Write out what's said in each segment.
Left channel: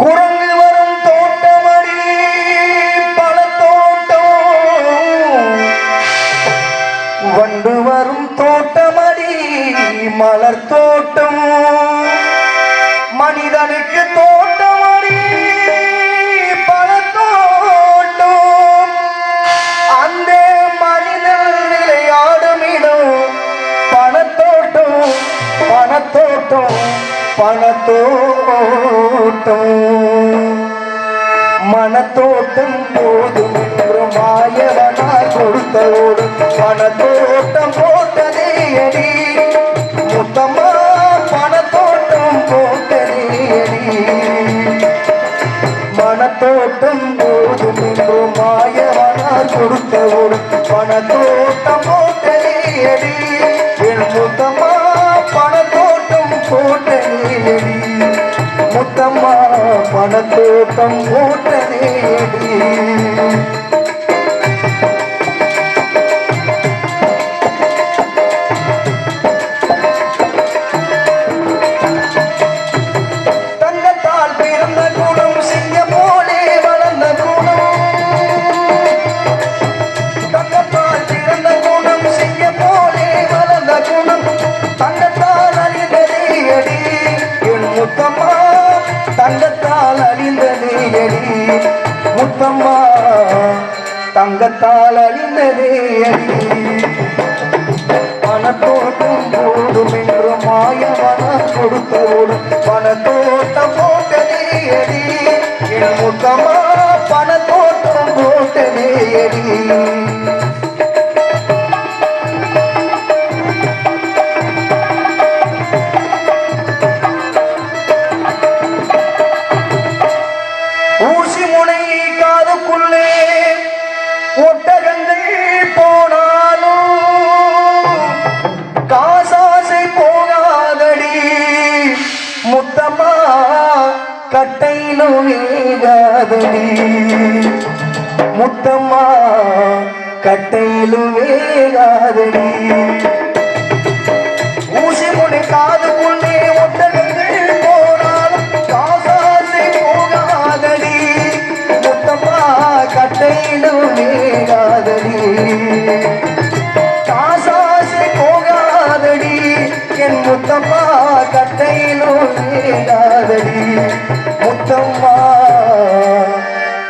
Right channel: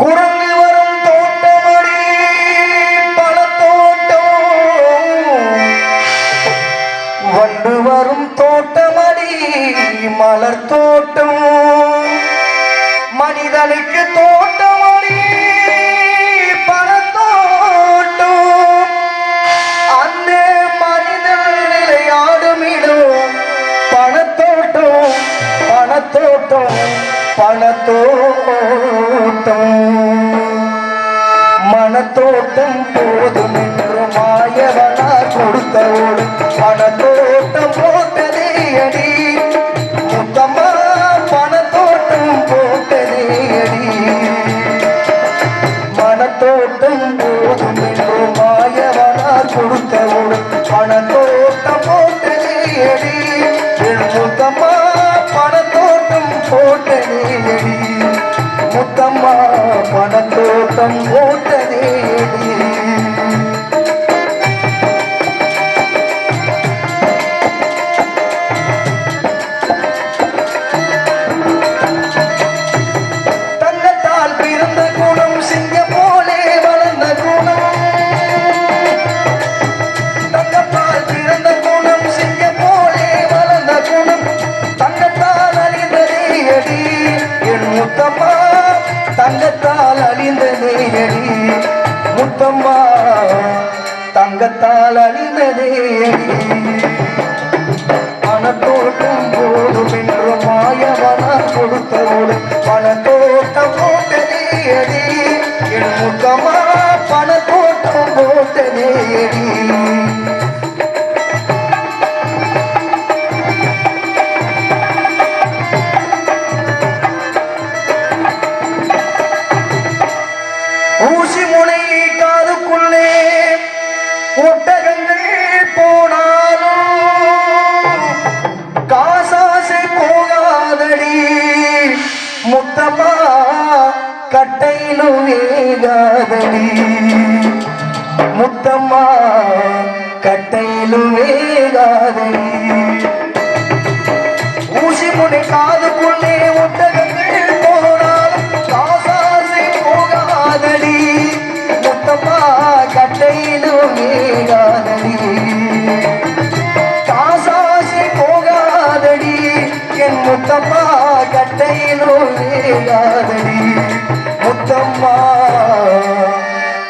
குரங்கு வரும் தோட்டமடி பல தோட்டம். வண்டு வரும் தோட்டமடி மலர் தோட்டம். மனிதனுக்கு தோட்டமடி பல தோட்டம். அந்த மனிதன் விளையாடும் இடம் பணத்தோட்டம் பணத்தோட்டம் பணத்தோட்டம் போட்டதேயடி முத்தம்மா பணத்தோட்டம் போட்டதேயடி முத்தம்மா பணத்தோட்டம் முத்தம்மா தங்கத்தால் அழிந்ததே முத்தமா கட்டையிலும் வேகாதடி முத்தம்மா கட்டையிலும் வேகாதடி ஊசி முனை காதுக்குள்ளே ஒட்டகங்கள் போனாலும் காசாசை போகாதடி. முத்தம்மா கட்டையிலும் வேகாதடி காசாசை போகாதடி. என் முத்தம்மா கட்டையிலும் வேகாதடி முத்தம்மா.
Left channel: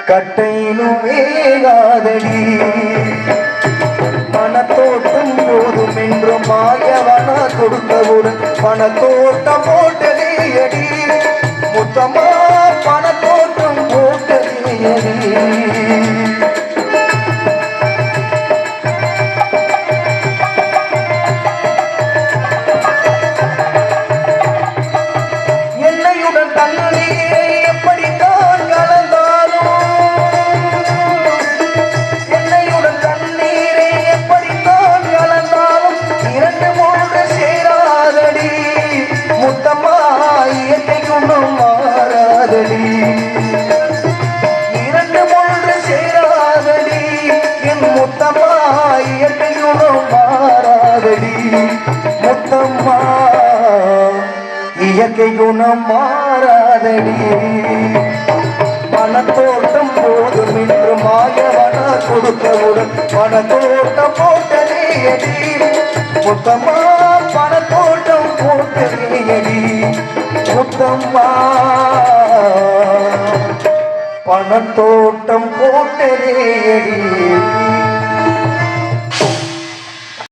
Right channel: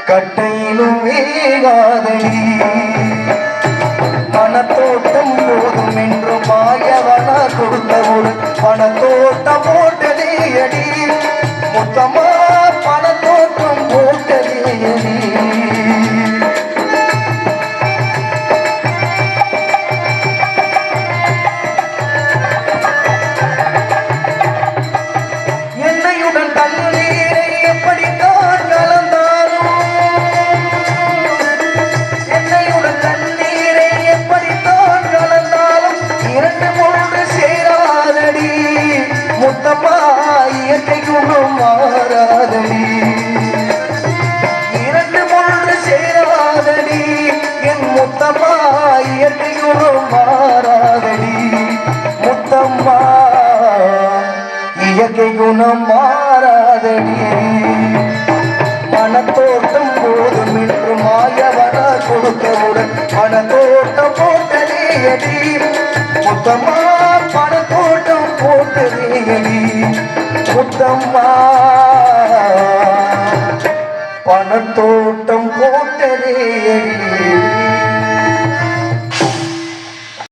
கட்டையிலும் வேகாதடி பணத்தோட்டம் போதும் என்று மாயவனா கொடுத்த ஒரு பணத்தோட்டம் போட்டதே அடி. இயற்கை குணம் மாறாதடி இரண்டு மூன்று சேராதடி என் முத்தம்மா இயற்கை குணம் மாறாதடி முத்தம்மா இயற்கை குணம் மாறாதடி மனத்தோட்டம் போதும் என்று மாயவனா கொடுத்தவுடன் மனத்தோட்டம் போட்டதேயடி முத்தம்மா பணத்தோட்டம் போட்டதேயடி முத்தம்மா பணத்தோட்டம் போட்டதேயடி